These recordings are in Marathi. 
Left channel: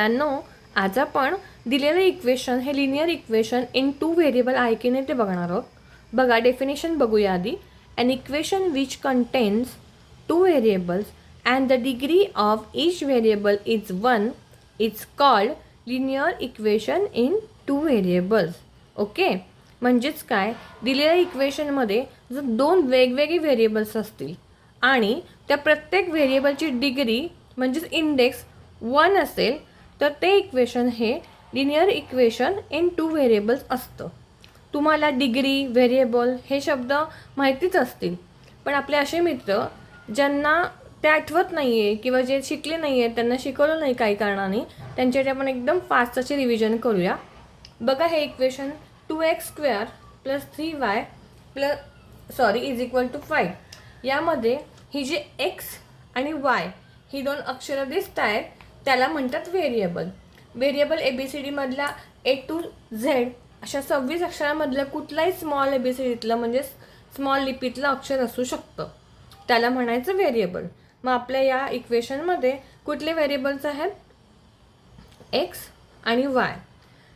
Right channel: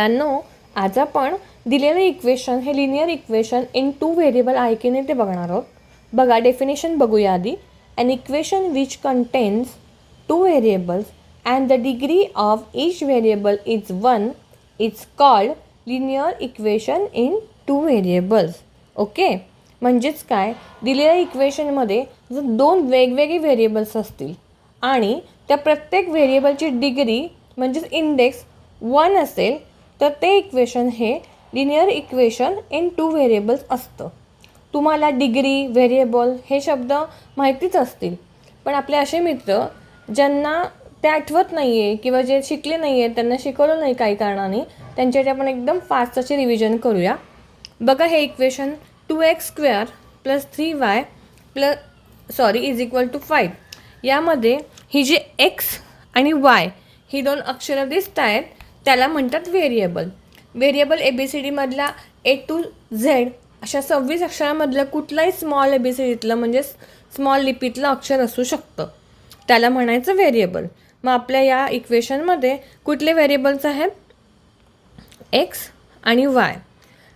नो आज आपण दिलेलं इक्वेशन हे linear equation in two variable आहे की नाही ते बघणार आहोत. बघा डेफिनेशन बघूया आधी. An equation which contains two variables and the degree of each variable is 1 is called linear equation in two variables. Okay, म्हणजेच काय, दिलेल्या इक्वेशनमध्ये जर दोन वेगवेगळे व्हेरिएबल्स असतील आणि त्या प्रत्येक व्हेरिएबलची डिग्री म्हणजेच इंडेक्स 1 असेल तर ते इक्वेशन हे linear equation in two variables असतं. तुम्हाला डिग्री, व्हेरिएबल हे शब्द माहितीच असतील, पण आपले असे मित्र ज्यांना ते आठवत नाही आहे किंवा जे शिकले नाही आहेत, त्यांना शिकवलं नाही काही कारणाने, त्यांच्यासाठी आपण एकदम फास्ट असे रिव्हिजन करूया. बघा हे equation 2x² + 3y is equal to 5. यामध्ये ही जी x आणि y ही दोन अक्षरं दिसत आहेत त्याला म्हणतात व्हेरिएबल. व्हेरिएबल ABCDमधला A to Z अशा 26 अक्षरांमधलं कुठलाही स्मॉल ABCDतलं म्हणजे स्मॉल लिपीतलं अक्षर असू शकतं, त्याला म्हणायचं व्हेरिएबल. मग आपल्या या इक्वेशनमध्ये कुठले व्हेरिएबल्स आहेत, x आणि y.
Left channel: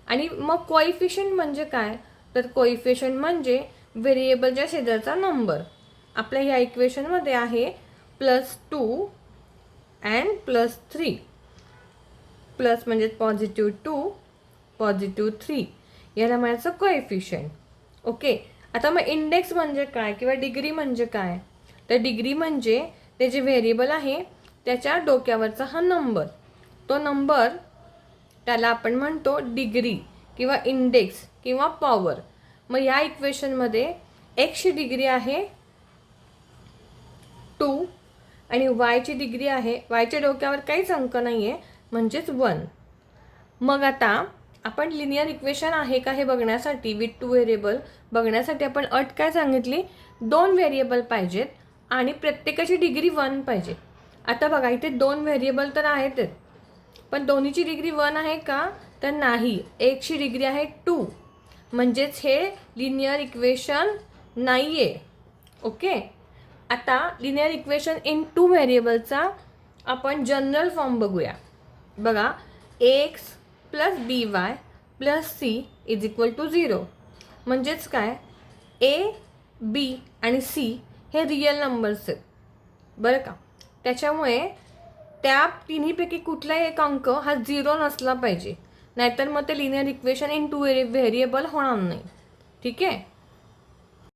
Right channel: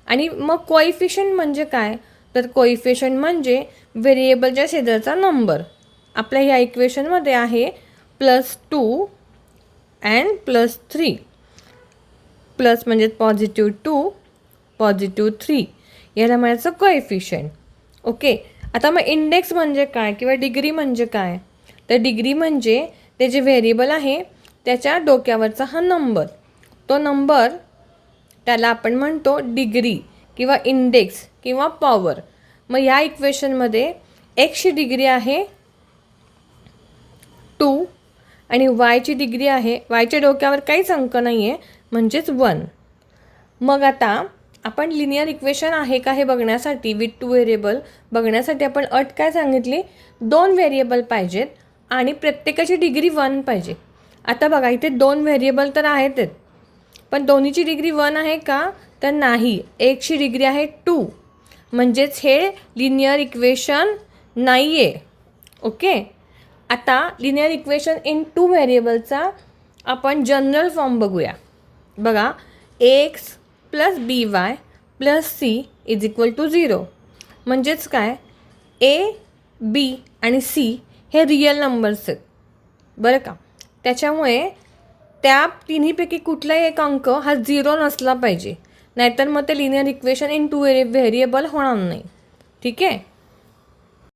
आणि मग कोइफिशियंट म्हणजे काय, तर कोइफिशियंट म्हणजे व्हेरिएबलच्या शेजारचा नंबर. आपल्या ह्या इक्वेशनमध्ये आहे +2 and +3. प्लस म्हणजे +2 +3 याला म्हणायचं कोएफिशियंट. ओके, आता मग इंडेक्स म्हणजे काय किंवा डिग्री म्हणजे काय, तर डिग्री म्हणजे ते जे व्हेरिएबल आहे त्याच्या डोक्यावरचा हा नंबर, तो नंबर त्याला आपण म्हणतो डिग्री किंवा इंडेक्स किंवा पॉवर. मग या इक्वेशनमध्ये एक्सची डिग्री आहे 2 आणि वायची डिग्री आहे, वायच्या डोक्यावर काहीच अंक नाही आहे म्हणजेच 1. मग आता आपण लिनियर इक्वेशन आहे का हे बघण्यासाठी, विथ टू व्हेरिएबल बघण्यासाठी आपण अट काय सांगितली, 2 व्हेरिएबल पाहिजेत आणि प्रत्येकाची डिग्री 1 पाहिजे. आता बघा इथे 2 व्हेरिएबल तर आहेतच, पण दोन्हीची डिग्री 1 आहे का, तर नाही. एकची डिग्री आहे 2, म्हणजेच हे लिनियर इक्वेशन नाही आहे. ओके, आता लिनियर इक्वेशन इन टू व्हेरिएबलचा आपण जनरल फॉर्म बघूया. बघा ax + by + c is equal to 0. म्हणजेच काय, a, b आणि c हे रिअल नंबर्स आहेत बरं का. त्याच्यामुळे त्या तिन्हीपैकी कुठलाही एक अंक हा 0 नसला पाहिजे, नाहीतर मग ते linear equation in two variable होणार नाही. ठीक आहे.